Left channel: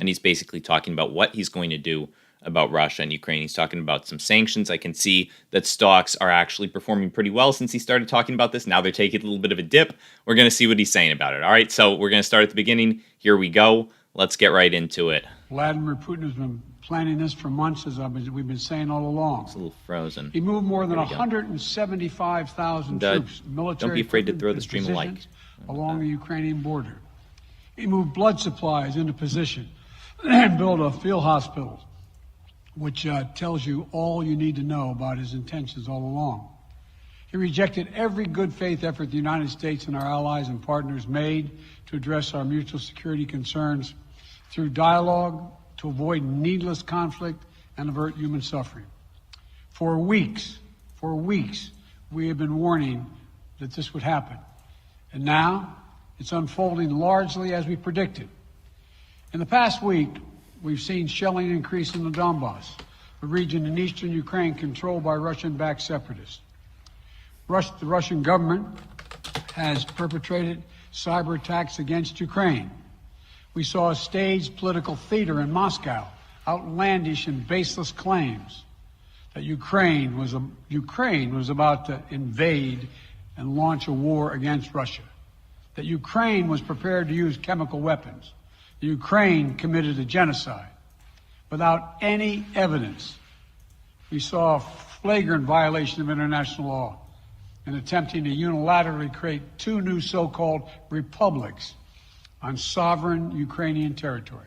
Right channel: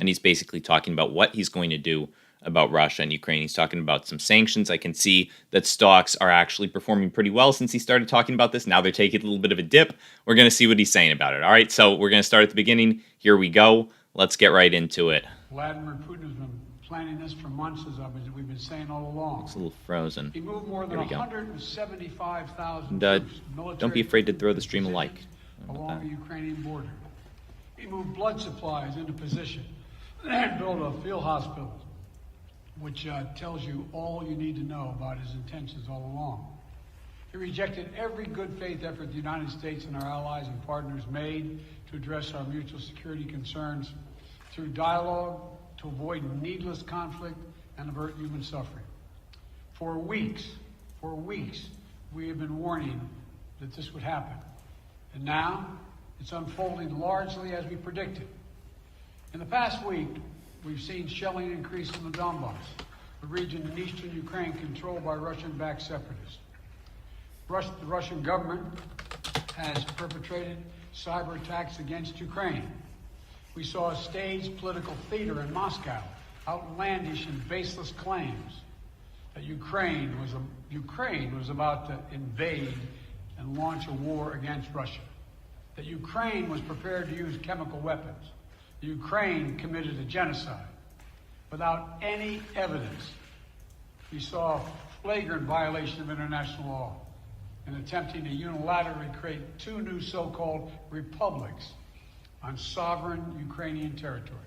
and he's basically talking about what he's going to do about Russia and Ukraine. He's talking about some sanctions. I can see that stocks are actually performing pretty well since he started talking about this. Now they're taking a little bit of a dip. We're going to see what he's saying about it. All right, so we're going to start at the beginning. Here we go. Let's get right into it. Vladimir Putin has been planning this for months, as we've been saying all along. It's a little frozen. He moved more than 175,000 troops, military. Don't be afraid to throw the stream a like along the Ukrainian border. He moved blood supplies into position and built a field hospital, which tells you all you need to know about his intentions all along. He rejected every good faith effort the United States and our allies and partners made to address our mutual security concerns through dialogue to avoid needless conflict and avert human suffering. For weeks, we have been warning that this would happen. And now it's unfolding largely as we predicted. In the past week, we've seen shelling increase in the Donbass, the region in eastern Ukraine controlled by Russian-backed separatists. The Russian government has perpetrated cyber attacks against Ukraine. We saw a staged political theater in Moscow, outlandish and baseless claims that Ukraine was about to invade and launch a war against Russia, that Ukraine was prepared to use chemical weapons, that Ukraine committed a genocide. Without any evidence, we saw a flagrant violation of international law in attempting to unilaterally create two new so-called republics on sovereign Ukrainian territory.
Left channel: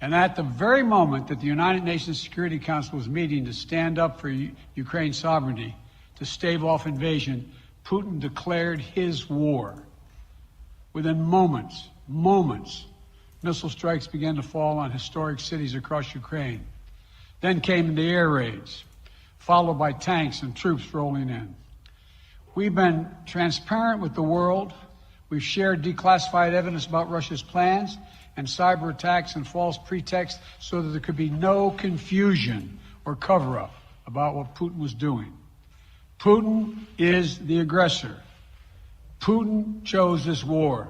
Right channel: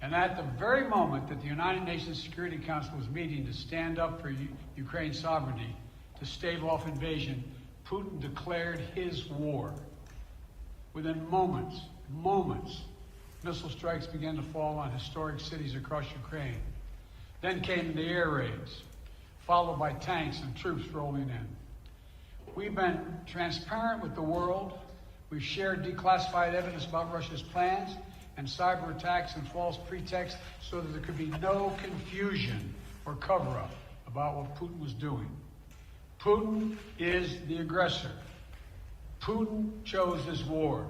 And at the very moment that the United Nations Security Council was meeting to stand up for Ukraine's sovereignty, to stave off invasion, Putin declared his war. Within moments, missile strikes began to fall on historic cities across Ukraine. Then came the air raids, followed by tanks and troops rolling in. We've been transparent with the world. We've shared declassified evidence about Russia's plans and cyber attacks and false pretexts so that there could be no confusion or cover-up about what Putin was doing. Putin is the aggressor. Putin chose this war,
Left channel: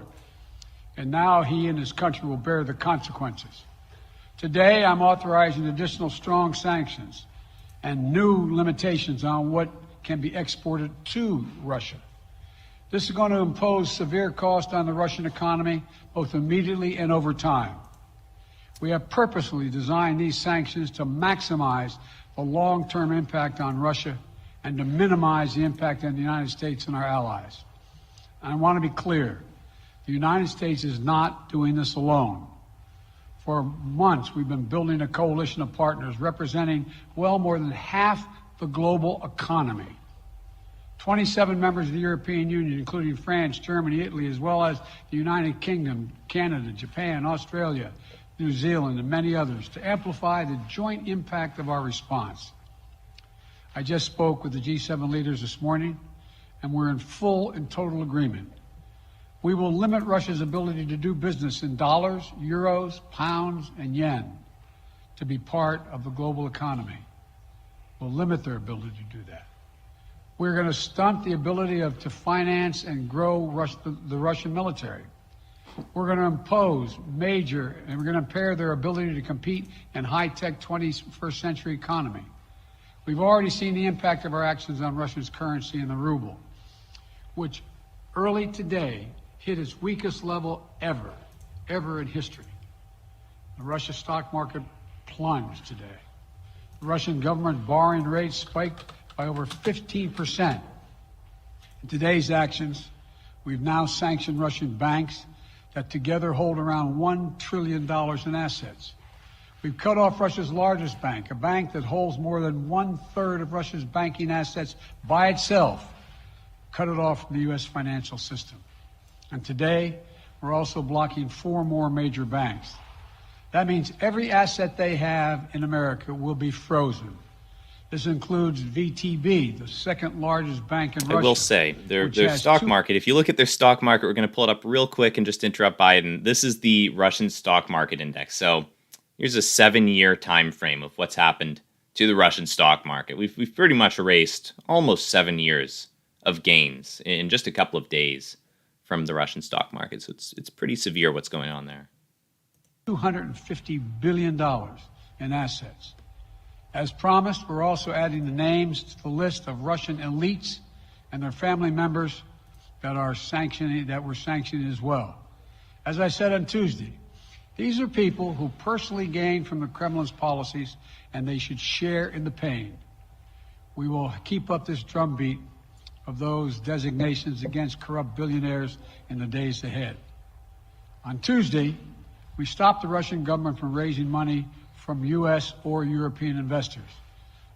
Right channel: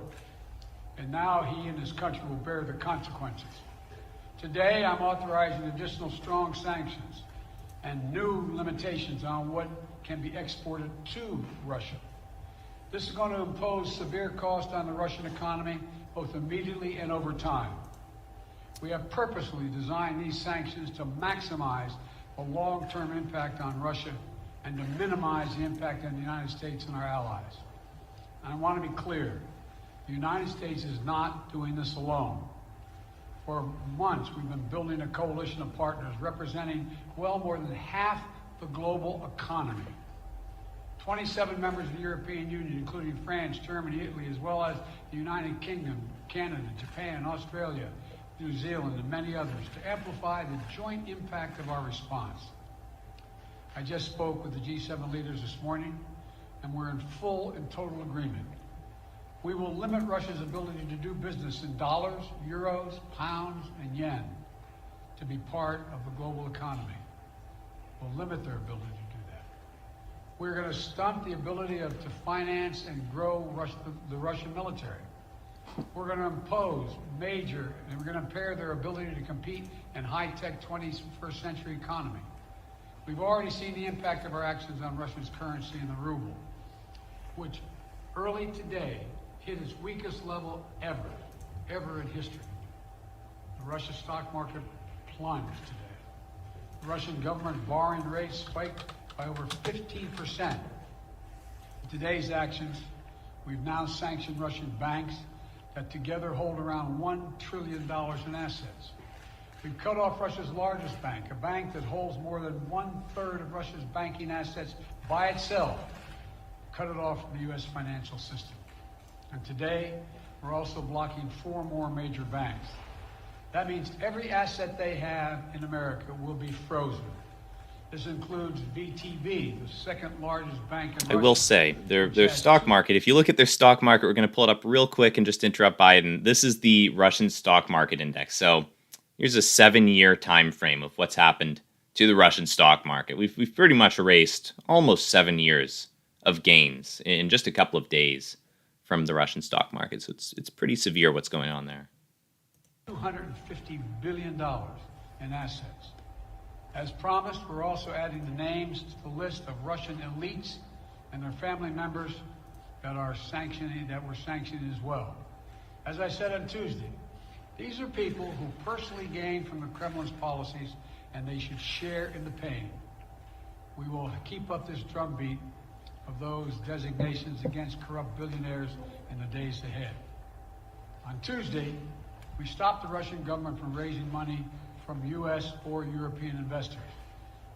and now he and his country will bear the consequences. Today, I'm authorizing additional strong sanctions and new limitations on what can be exported to Russia. This is going to impose severe cost on the Russian economy, both immediately and over time. We have purposely designed these sanctions to maximize the long-term impact on Russia and to minimize the impact on the United States and our allies. And I want to be clear, the United States is not doing this alone. For months, we've been building a coalition of partners representing well more than half the global economy. 27 members of the European Union, including France, Germany, Italy, as well as the United Kingdom, Canada, Japan, Australia, New Zealand, and many others, to amplify the joint impact of our response. I just spoke with the G7 leaders this morning, and we're in full and total agreement. We will limit Russia's ability to do business in dollars, euros, pounds, and yen to be part of the global economy. We'll limit their ability to do that. We're going to stunt the ability to finance and grow the Russian military. We're going to impose and we're going to impair their ability to compete in high-tech 21st century economy. We've already seen the impact of our actions on Russia's currency and the ruble, which early today hit its weakest level ever in history. The Russia stock market plunged today. The Russian government borrowing rate spiked by over 15%. In today's actions, we've now sanctioned Russian banks that together hold around $1 trillion in assets. We've cut off Russia's largest bank, a bank that holds more than 1/3 of Russia's banking assets by itself, cut it off from the U.S. financial system. And today, we're also blocking 4 more major banks. That means every asset they have in America will be frozen. This includes VTB, the second largest bank in Russia. I will say, their stock market, if you look at their stock market, we're going to pull it up real quick and just interrupt Biden. This is the Russian stock market index. So here's a 7-year time frame of what's happened to the Russian stock market. We've pretty much erased almost 7 years of gains in just a couple of days from the Russian stock market. So it's pretty severe what's going on there. $250 billion in assets. As promised, we're also adding the names to the list of Russian elites and their family members that were sanctioned as well. As I said on Tuesday, these are people who personally gained from the Kremlin's policies, and they should share in the pain. We will keep up this drumbeat of those designations against corrupt billionaires in the days ahead. On Tuesday, we stopped the Russian government from raising money from U.S. or European investors.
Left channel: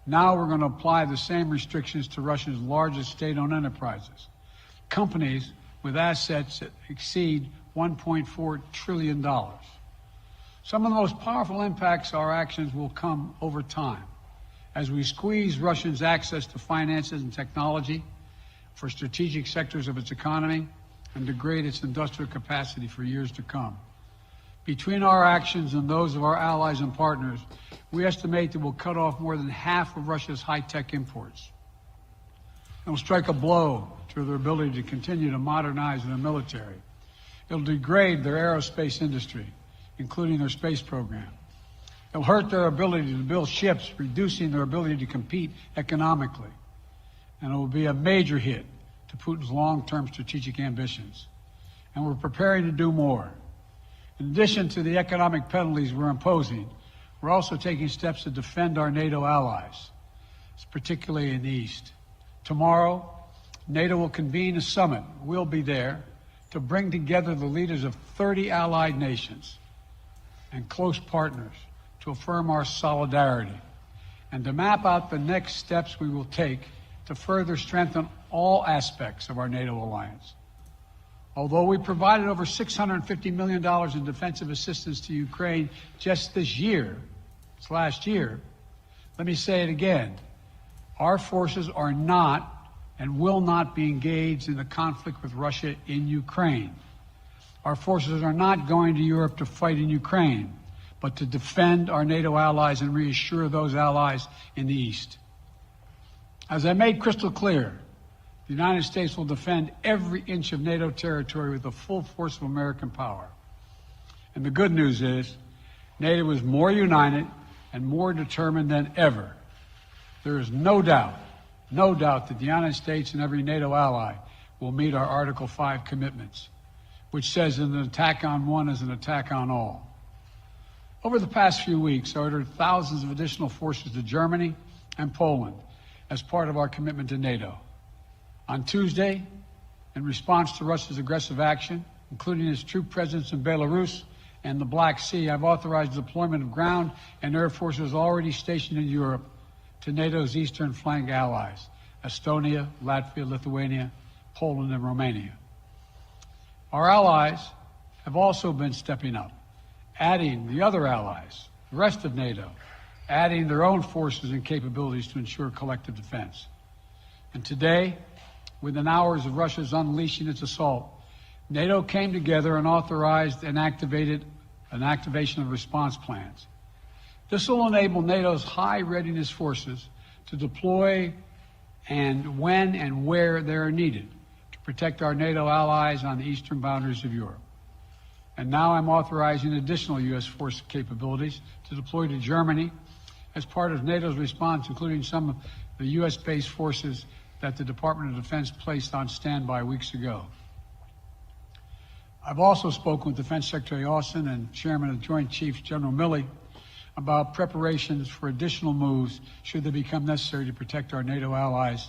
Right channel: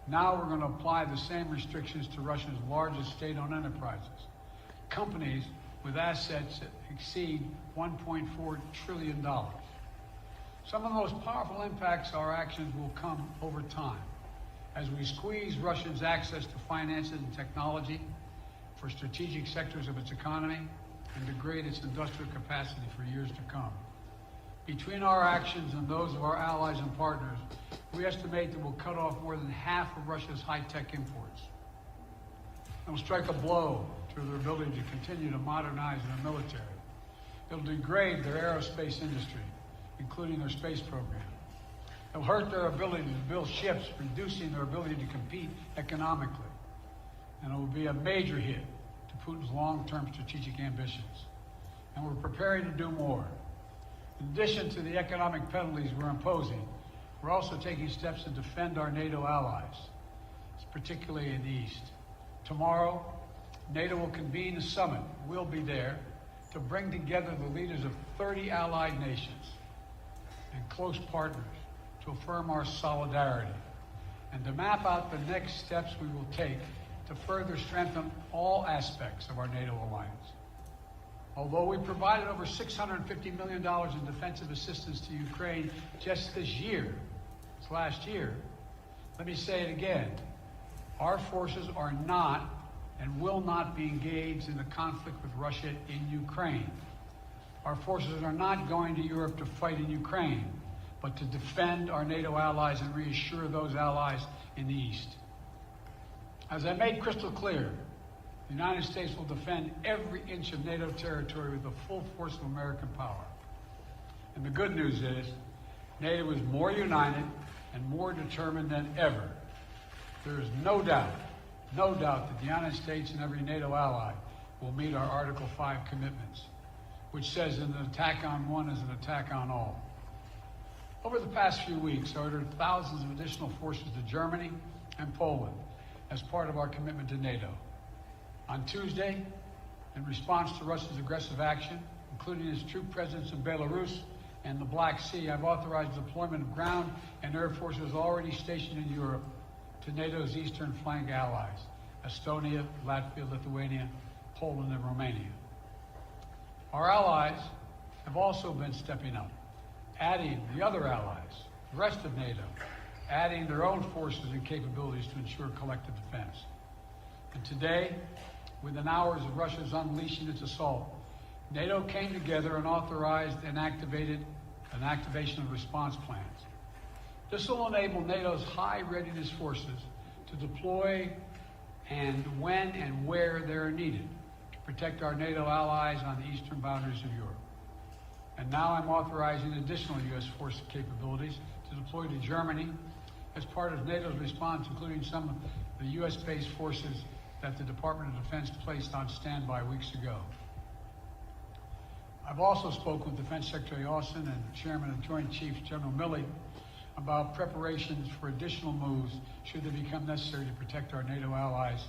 Now we're going to apply the same restrictions to Russia's largest state-owned enterprises, companies with assets that exceed $1.4 trillion. Some of the most powerful impacts of our actions will come over time as we squeeze Russia's access to finances and technology for strategic sectors of its economy and degrade its industrial capacity for years to come. Between our actions and those of our allies and partners, we estimate that we'll cut off more than half of Russia's high-tech imports. It will strike a blow to their ability to continue to modernize their military. It'll degrade their aerospace industry, including their space program. It'll hurt their ability to build ships, reducing their ability to compete economically. And it will be a major hit to Putin's long-term strategic ambitions. And we're preparing to do more. In addition to the economic penalties we're imposing, we're also taking steps to defend our NATO allies, particularly in the East. Tomorrow, NATO will convene a summit. We'll be there to bring together the leaders of 30 allied nations and close partners to affirm our solidarity and to map out the next steps we will take to further strengthen all aspects of our NATO alliance. Although we provided over $650 million in defensive assistance to Ukraine just this last year, let me say it again. Our forces are not and will not be engaged in the conflict with Russia in Ukraine. Our forces are not going to Europe to fight in Ukraine, but to defend our NATO allies and reassure those allies in the East. As I made crystal clear, the United States will defend every inch of NATO territory with the full force of American power. And the good news is, NATO is more united and more determined than ever. There is no doubt that the United States and every NATO ally will meet our Article 5 commitments, which says that an attack on one is an attack on all. Over the past few weeks, I ordered thousands of additional forces to Germany and Poland as part of our commitment to NATO. On Tuesday, in response to Russia's aggressive action, including its troop presence in Belarus and the Black Sea, I've authorized the deployment of ground and air forces already stationed in Europe to NATO's eastern flank allies, Estonia, Latvia, Lithuania, Poland, and Romania. Our allies have also been stepping up, adding the other allies, the rest of NATO, adding their own forces and capabilities to ensure collective defense. And today, within hours of Russia's unleashing its assault, NATO came together and authorized and activated an activation of response plans. This will enable NATO's high readiness forces to deploy and when and where they are needed to protect our NATO allies on the eastern boundaries of Europe. And now I'm authorizing additional U.S. force capabilities to deploy to Germany as part of NATO's response, including some of the U.S.-based forces that the Department of Defense placed on standby weeks ago. I've also spoken with Defense Secretary Austin and Chairman of the Joint Chiefs, General Milley, about preparations for additional moves should they become necessary to protect our NATO allies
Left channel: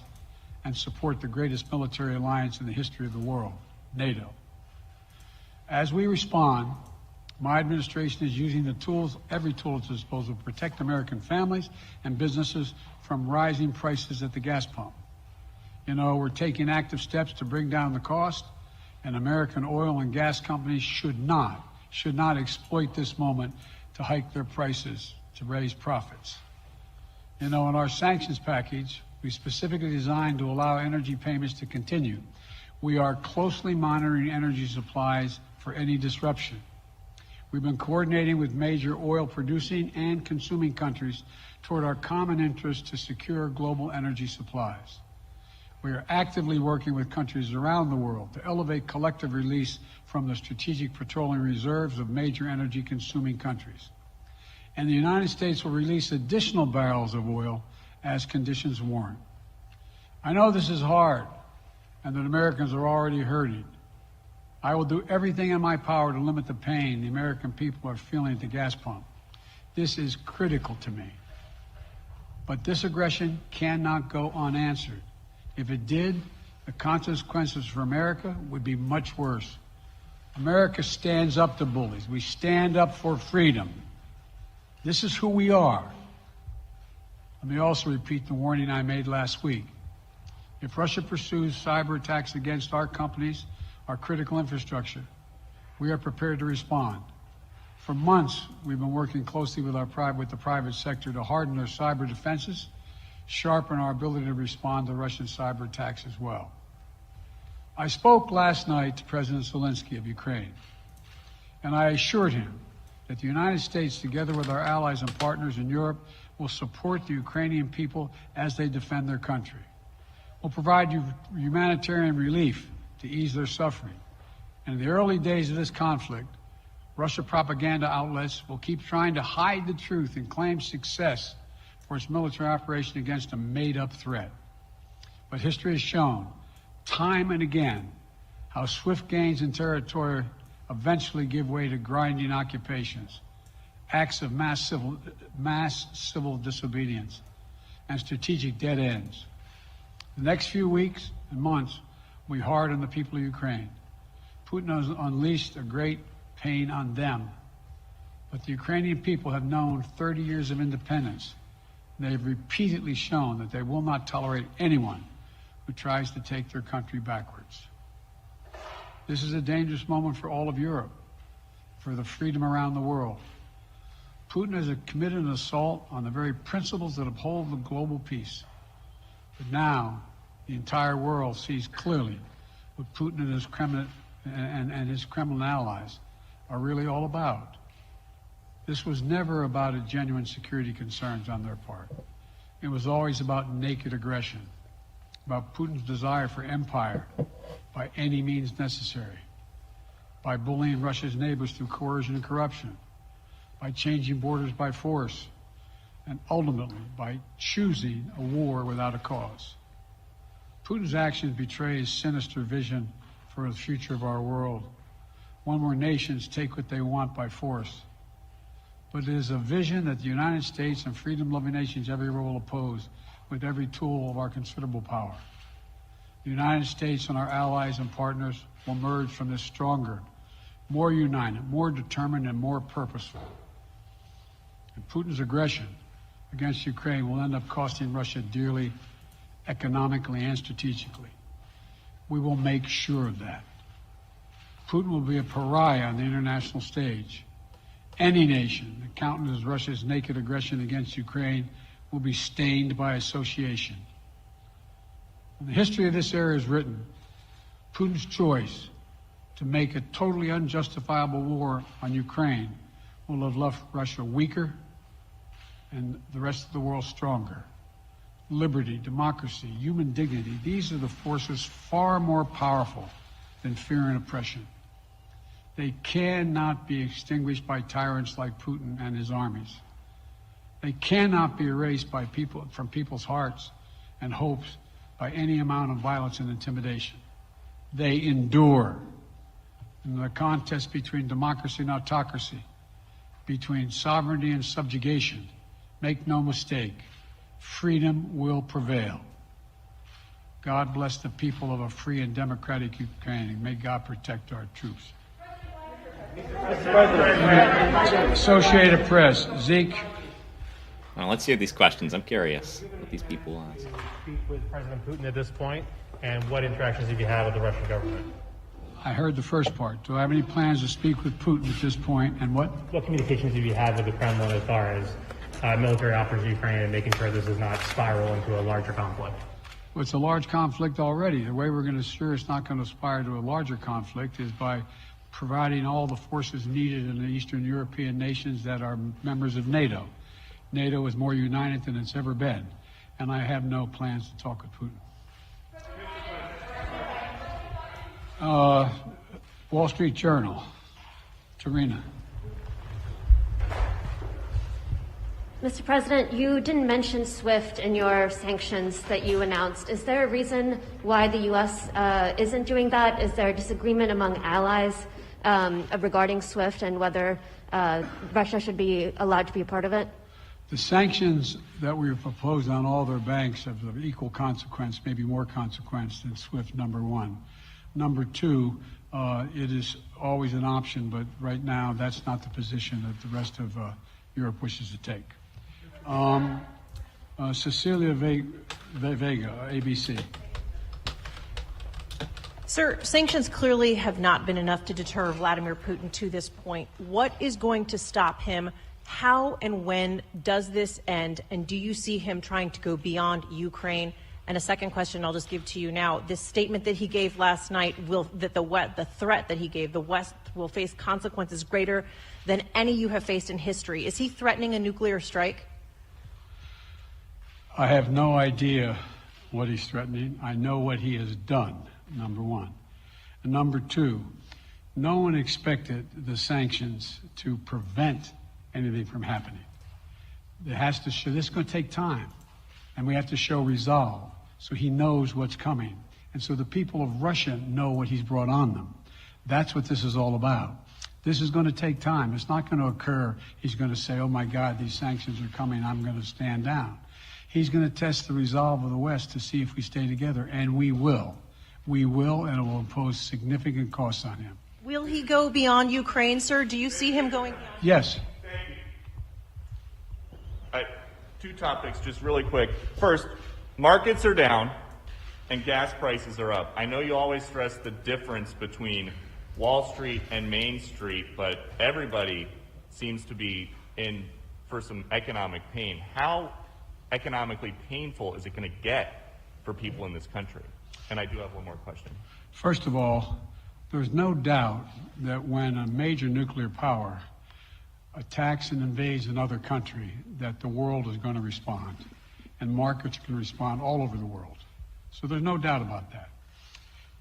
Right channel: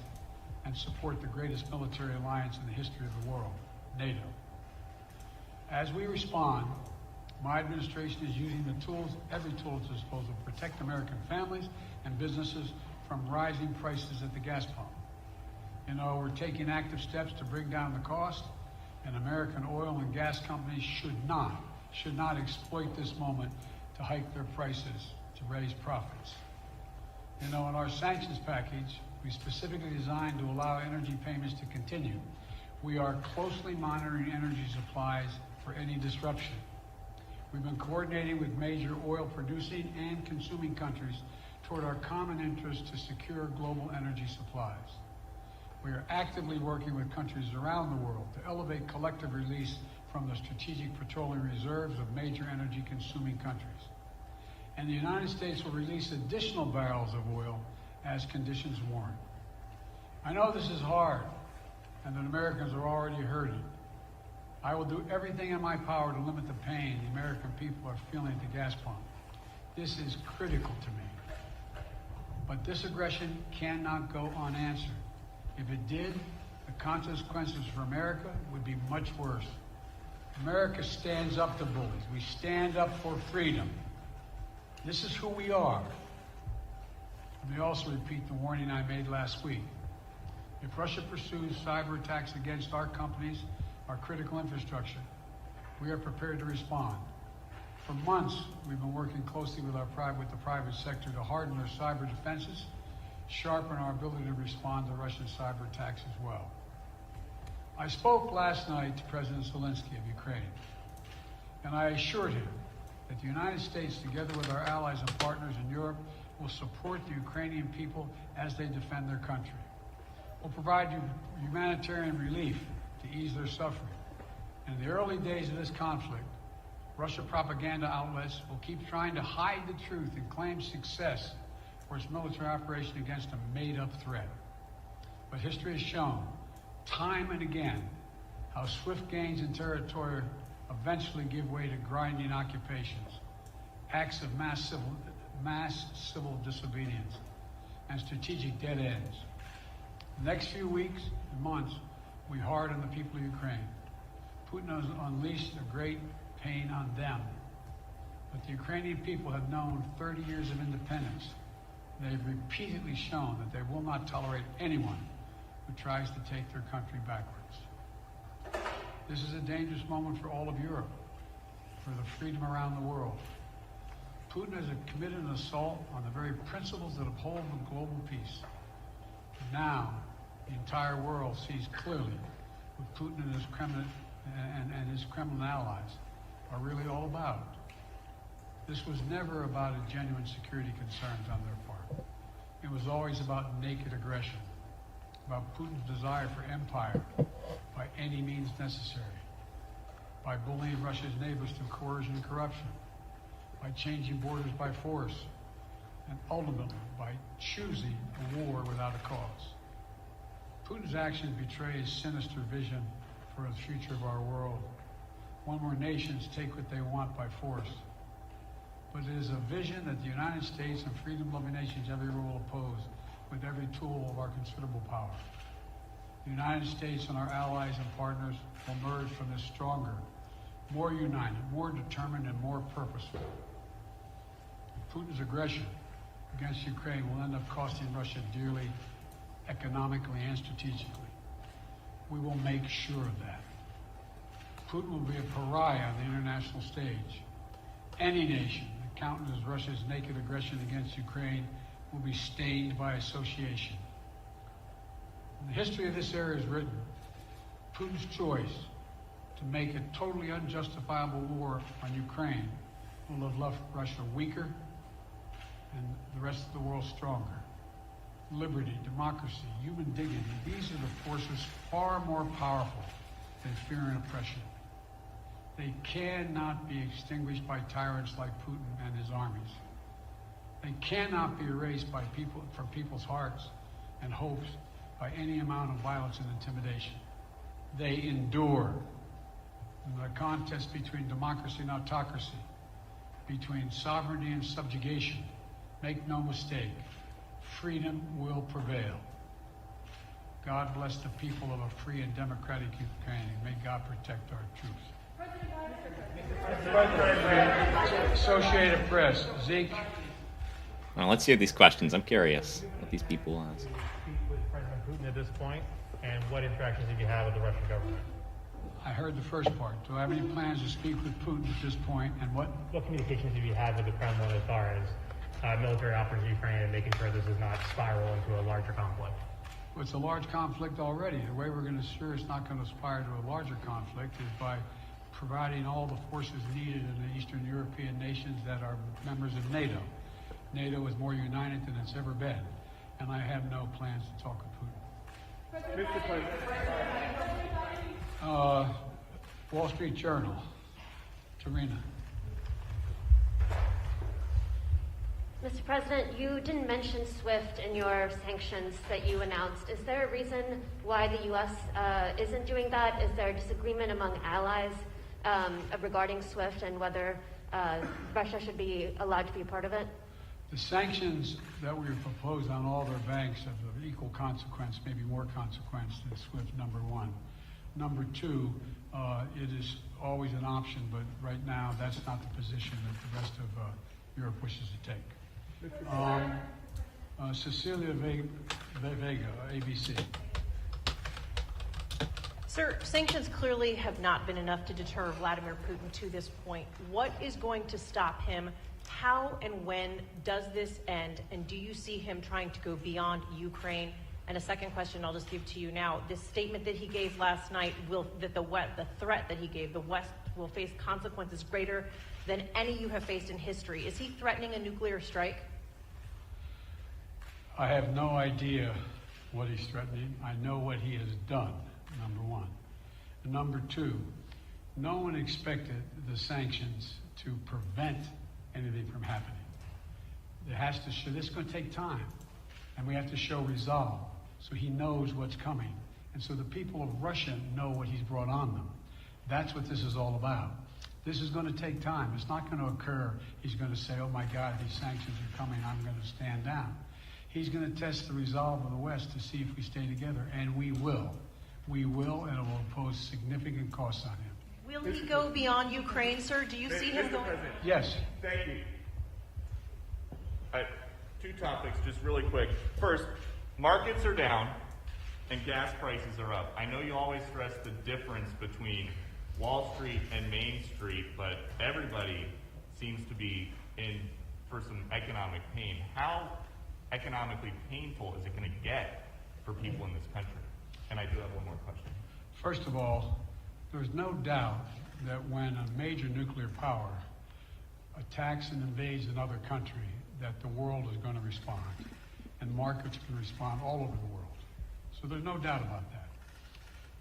and support the greatest military alliance in the history of the world, NATO. As we respond, my administration is using the tools, every tool at its disposal, to protect American families and businesses from rising prices at the gas pump. You know, we're taking active steps to bring down the cost, and American oil and gas companies should not exploit this moment to hike their prices to raise profits. You know, in our sanctions package, we specifically designed to allow energy payments to continue. We are closely monitoring energy supplies for any disruption. We've been coordinating with major oil producing and consuming countries toward our common interest to secure global energy supplies. We are actively working with countries around the world to elevate collective release from the strategic petroleum reserves of major energy-consuming countries. And the United States will release additional barrels of oil as conditions warrant. I know this is hard and that Americans are already hurting. I will do everything in my power to limit the pain the American people are feeling at the gas pump. This is critical to me. But this aggression cannot go unanswered. If it did, the consequences for America would be much worse. America stands up to bullies. We stand up for freedom. This is who we are. Let me also repeat the warning I made last week. If Russia pursues cyber attacks against our companies, our critical infrastructure, we are prepared to respond. For months, we've been working closely with the private sector to harden their cyber defenses, sharpen our ability to respond to Russian cyber attacks as well. I spoke last night to President Zelensky of Ukraine, and I assured him that the United States, together with our allies and partners in Europe, will support the Ukrainian people as they defend their country. We'll provide humanitarian relief to ease their suffering. And in the early days of this conflict, Russia propaganda outlets will keep trying to hide the truth and claim success for its military operation against a made-up threat. But history has shown, time and again, how swift gains in territory eventually give way to grinding occupations, acts of mass civil disobedience, and strategic dead ends. The next few weeks and months will be hard on the people of Ukraine. Putin has unleashed a great pain on them. But the Ukrainian people have known 30 years of independence. They have repeatedly shown that they will not tolerate anyone who tries to take their country backwards. This is a dangerous moment for all of Europe, for the freedom around the world. Putin has committed an assault on the very principles that uphold the global peace. But now, the entire world sees clearly what Putin and his Kremlin allies are really all about. This was never about a genuine security concerns on their part. It was always about naked aggression, about Putin's desire for empire by any means necessary, by bullying Russia's neighbors through coercion and corruption, by changing borders by force, and ultimately by choosing a war without a cause. Putin's actions betray his sinister vision for the future of our world, one where nations take what they want by force. But it is a vision that the United States and freedom-loving nations everywhere will oppose with every tool of our considerable power. The United States and our allies and partners will emerge from this stronger, more united, more determined, and more purposeful. And Putin's aggression against Ukraine will end up costing Russia dearly, economically and strategically. We will make sure of that. Putin will be a pariah on the international stage. Any nation that countenances Russia's naked aggression against Ukraine will be stained by association. When the history of this era is written, Putin's choice to make a totally unjustifiable war on Ukraine will have left Russia weaker and the rest of the world stronger. Liberty, democracy, human dignity, these are the forces far more powerful than fear and oppression. They cannot be extinguished by tyrants like Putin and his armies. They cannot be erased by from people's hearts and hopes by any amount of violence and intimidation. They endure. In the contest between democracy and autocracy, between sovereignty and subjugation, make no mistake, freedom will prevail. God bless the people of a free and democratic Ukraine. May God protect our troops. Associated Press, Zeke. Well, let's hear these questions. I'm curious what these people ask. Speak with President Putin at this point, and what interactions have you had with the Russian government? I heard the first part. Do I have any plans to speak with Putin at this point, and what? What communications have you had with the Kremlin as far as military offers to Ukraine and making sure this does not spiral into a larger conflict? Well, it's a large conflict already. The way we're going to ensure it's not going to aspire to a larger conflict is by providing all the forces needed in the Eastern European nations that are members of NATO. NATO is more united than it's ever been, and I have no plans to talk with Putin. Wall Street Journal. Tarina. Mr. President, you didn't mention SWIFT in your sanctions that you announced. Is there a reason why the U.S. Isn't doing that? Is there a disagreement among allies regarding SWIFT and whether Russia should be allowed to be a part of it? The sanctions that we've proposed on all their banks have of equal consequence, maybe more consequence than SWIFT, number one. Number two, it is always an option, but right now that's not the position that the rest of Europe wishes to take. Cecilia Vega, ABC. Sir, sanctions clearly have not been enough to deter Vladimir Putin to this point. What is going to stop him? How and when does this end? And do you see him trying to go beyond Ukraine? And a second question I'll just give to you now. This statement that he gave last night, the threat that he gave, the West will face consequences greater than any you have faced in history. Is he threatening a nuclear strike? I have no idea what he's threatening. I know what he has done, number one. And number two, no one expected the sanctions to prevent anything from happening. It has to show, this is going to take time, and we have to show resolve so he knows what's coming. And so the people of Russia know what he's brought on them. That's what this is all about. This is going to take time. It's not going to occur. He's going to say, oh my God, these sanctions are coming, I'm going to stand down. He's going to test the resolve of the West to see if we stay together, and we will. We will, and it will impose significant costs on him. Will he go beyond Ukraine, sir? Do you see him going? Yes. Thank you. All right, two topics, just really quick. First, markets are down and gas prices are up. I know you always stress the difference between Wall Street and Main Street, but everybody seems to be in for some economic pain. How economically painful is it going to get for people in this country? And I do have one more question. First of all, there's no doubt that when a major nuclear power attacks and invades another country, that the world is going to respond, and markets can respond all over the world. So there's no doubt about that,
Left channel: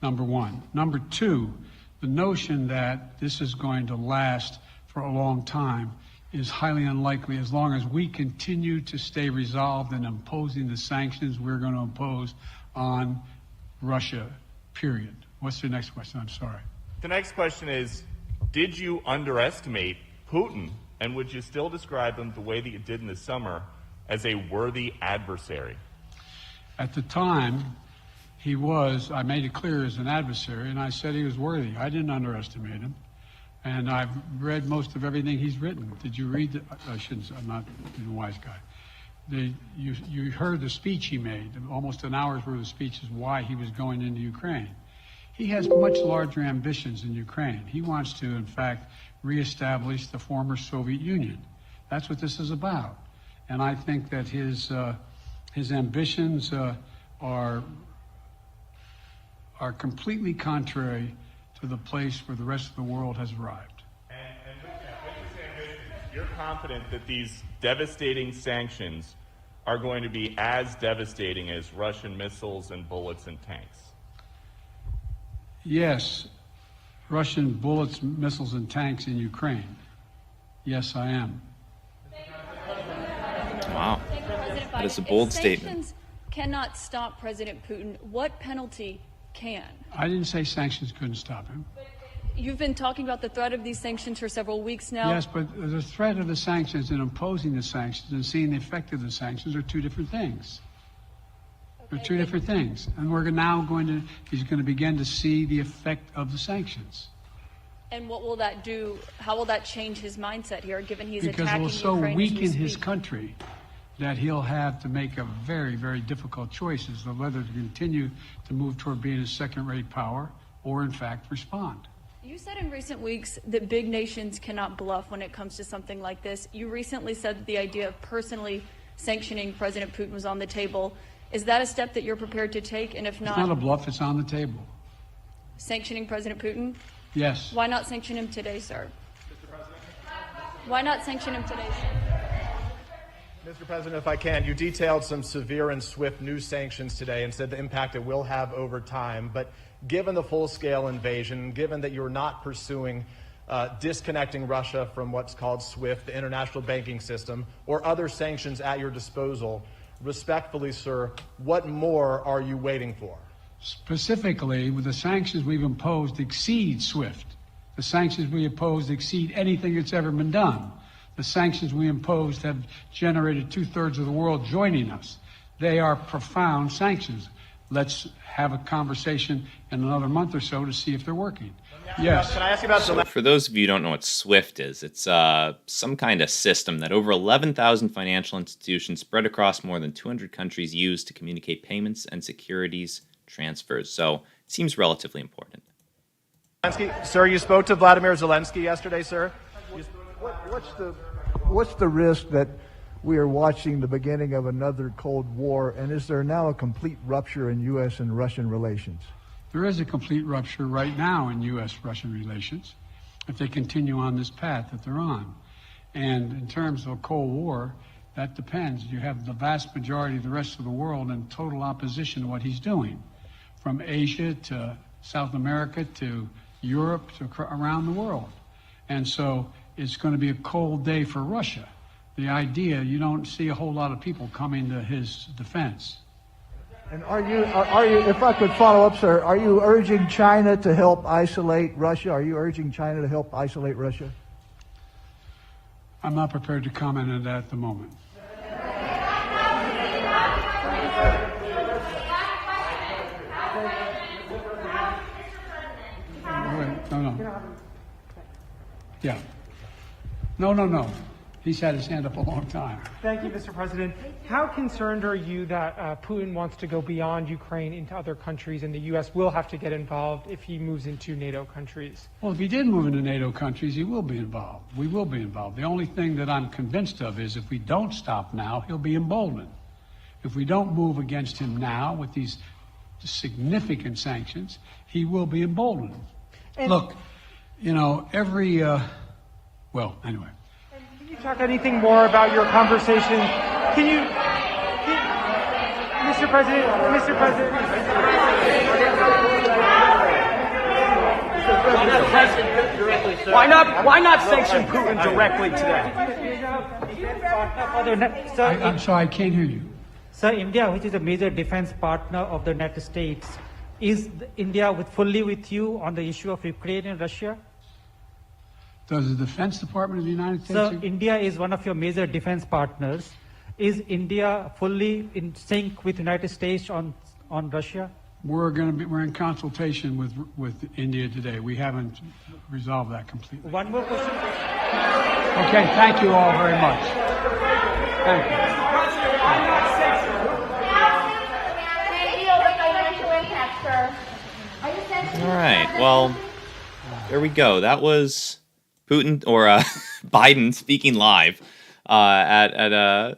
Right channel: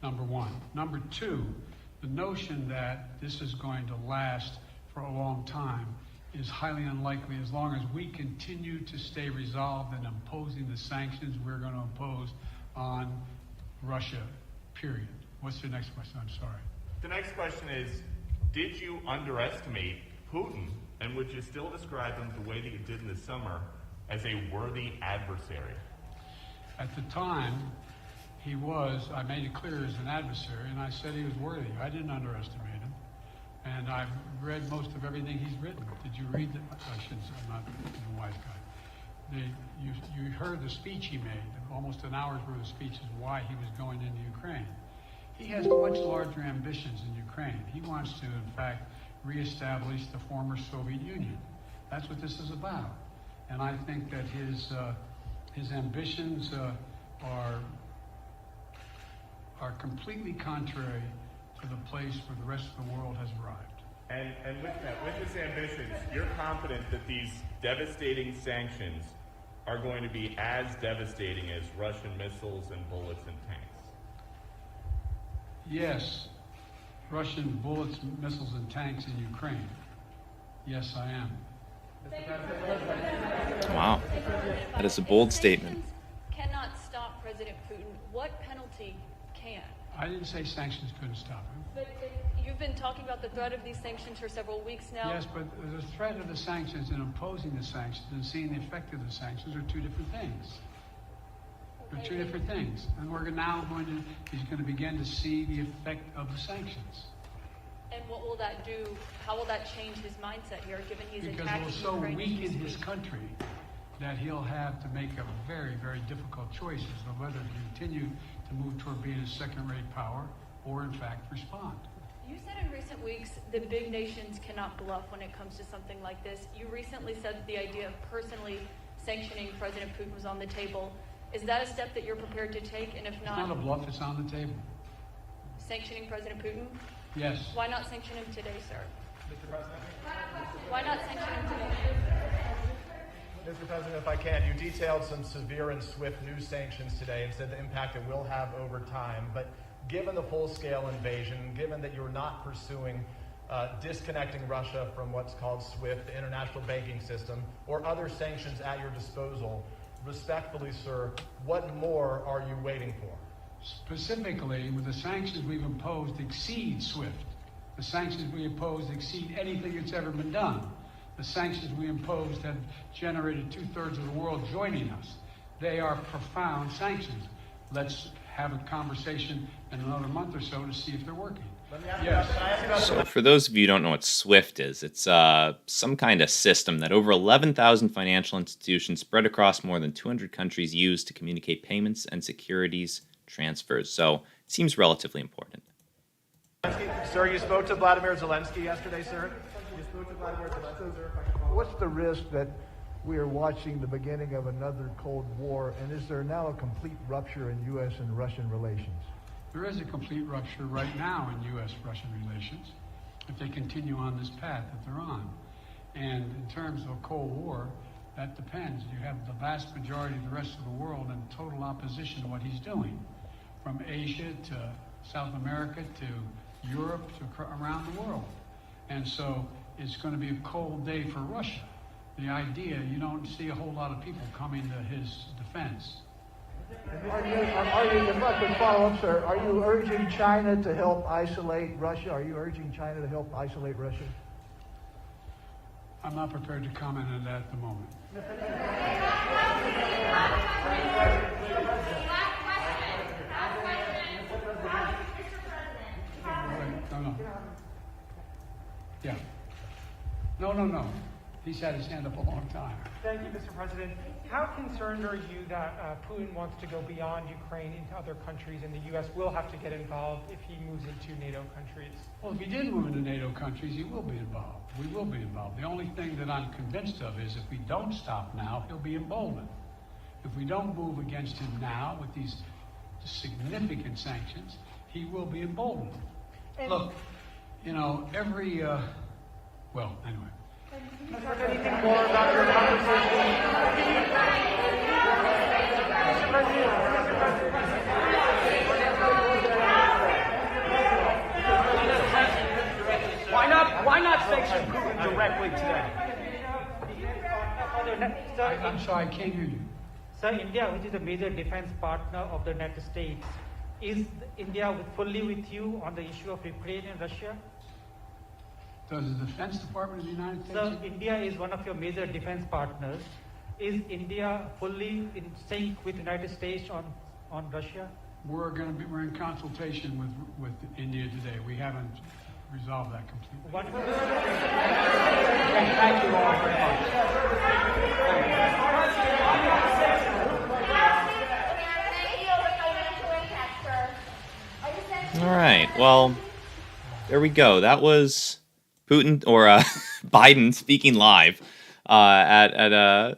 number one. Number two, the notion that this is going to last for a long time is highly unlikely as long as we continue to stay resolved in imposing the sanctions we're going to impose on Russia, period. What's the next question? I'm sorry. The next question is, did you underestimate Putin, and would you still describe him the way that you did in the summer as a worthy adversary? At the time, he was, I made it clear, as an adversary, and I said he was worthy. I didn't underestimate him. And I've read most of everything he's written. Did you read it? I shouldn't say, I'm not a wise guy. You heard the speech he made, almost an hour's worth of speeches, why he was going into Ukraine. He has much larger ambitions in Ukraine. He wants to, in fact, reestablish the former Soviet Union. That's what this is about. And I think that his ambitions are completely contrary to the place where the rest of the world has arrived. And with his ambitions, you're confident that these devastating sanctions are going to be as devastating as Russian missiles and bullets and tanks? Yes, Russian bullets, missiles, and tanks in Ukraine. Yes, I am. Wow. That is a bold statement. Sanctions cannot stop President Putin. What penalty can? I didn't say sanctions couldn't stop him. You've been talking about the threat of these sanctions for several weeks now. Yes, but the threat of the sanctions and imposing the sanctions and seeing the effect of the sanctions are two different things. They're two different things. And we're now he's going to begin to see the effect of the sanctions. And what will that do? How will that change his mindset here, given he's because attacking it will so Ukraine weaken his country that he'll have to make a very, very difficult choice as to whether to continue to move toward being a second-rate power or, in fact, respond. You said in recent weeks that big nations cannot bluff when it comes to something like this. You recently said that the idea of personally sanctioning President Putin was on the table. Is that a step that you're prepared to take? And if not, it's not a bluff, it's on the table. Sanctioning President Putin? Yes. Why not sanction him today, sir? Mr. President? Why not sanction him today? Mr. President, if I can, you detailed some severe and swift new sanctions today and said the impact it will have over time. But given the full-scale invasion, given that you're not pursuing disconnecting Russia from what's called SWIFT, the international banking system, or other sanctions at your disposal, respectfully, sir, what more are you waiting for? Specifically, with the sanctions we've imposed exceed SWIFT. The sanctions we imposed exceed anything that's ever been done. The sanctions we imposed have generated 2/3 of the world joining us. They are profound sanctions. Let's have a conversation in another month or so to see if they're working. Yes. Can I ask you about So for those of you who don't know what SWIFT is, it's some kind of system that over 11,000 financial institutions spread across more than 200 countries use to communicate payments and securities transfers. So it seems relatively important. Sir, you spoke to Vladimir Zelensky yesterday, sir? What's the risk that we are watching the beginning of another Cold War, and is there now a complete rupture in U.S. and Russian relations? There is a complete rupture right now in U.S.-Russian relations if they continue on this path that they're on. And in terms of a Cold War, that depends. You have the vast majority of the rest of the world in total opposition to what he's doing, from Asia to South America to Europe to around the world. And so it's going to be a cold day for Russia. The idea, you don't see a whole lot of people coming to his defense. And are you, if I could follow up, sir, are you urging China to help isolate Russia? Are you urging China to help isolate Russia? I'm not prepared to comment on that at the moment. No. Yeah. No. He's had his hand up a long time. Thank you, Mr. President. How concerned are you that Putin wants to go beyond Ukraine into other countries, and the U.S. will have to get involved if he moves into NATO countries? Well, if he did move into NATO countries, he will be involved. We will be involved. The only thing that I'm convinced of is if we don't stop now, he'll be emboldened. If we don't move against him now with these significant sanctions, he will be emboldened. Look, well, anyway. Can you talk anything more about your conversation? Mr. President. Why not sanction Putin directly today? I'm sorry, I can't hear you. Sir, India, which is a major defense partner of the United States, is India fully with you on the issue of Ukraine and Russia? Does the Defense Department of the United States? Sir, India is one of your major defense partners. Is India fully in sync with the United States on Russia? We're in consultation with India today. We haven't resolved that completely. One more question. Okay, thank you all very much. Thank you. All right. Well, there we go. That was Putin or Biden speaking live at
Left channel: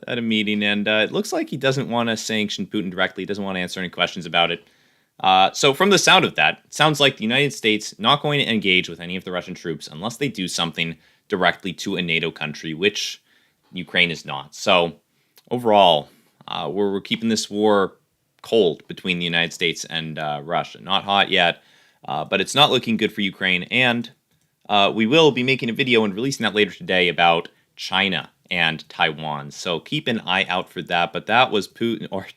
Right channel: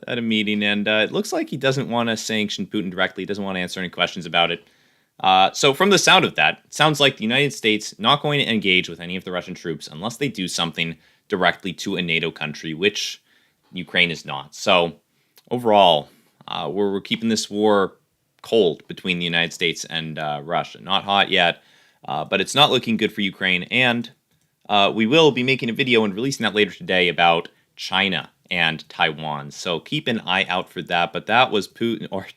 a meeting, and it looks like he doesn't want to sanction Putin directly. He doesn't want to answer any questions about it. So from the sound of that, it sounds like the United States not going to engage with any of the Russian troops unless they do something directly to a NATO country, which Ukraine is not. So overall, we're keeping this war cold between the United States and Russia. Not hot yet, but it's not looking good for Ukraine. And we will be making a video and releasing that later today about China and Taiwan. So keep an eye out for that. But that was Putin, or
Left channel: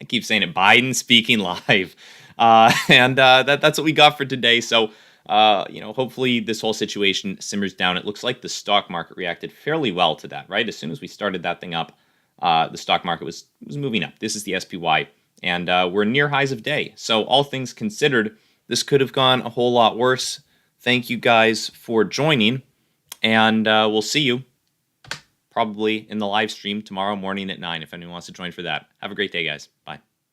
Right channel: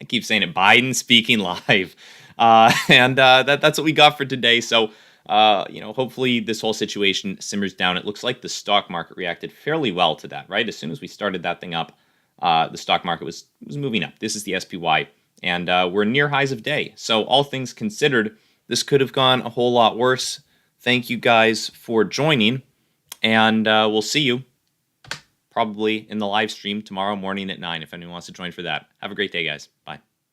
I keep saying it, Biden speaking live. And that's what we got for today. So, hopefully this whole situation simmers down. It looks like the stock market reacted fairly well to that, right? As soon as we started that thing up, the stock market was moving up. This is the SPY, and we're near highs of day. So all things considered, this could have gone a whole lot worse. Thank you guys for joining, and we'll see you probably in the live stream tomorrow morning at 9 if anyone wants to join for that. Have a great day, guys. Bye.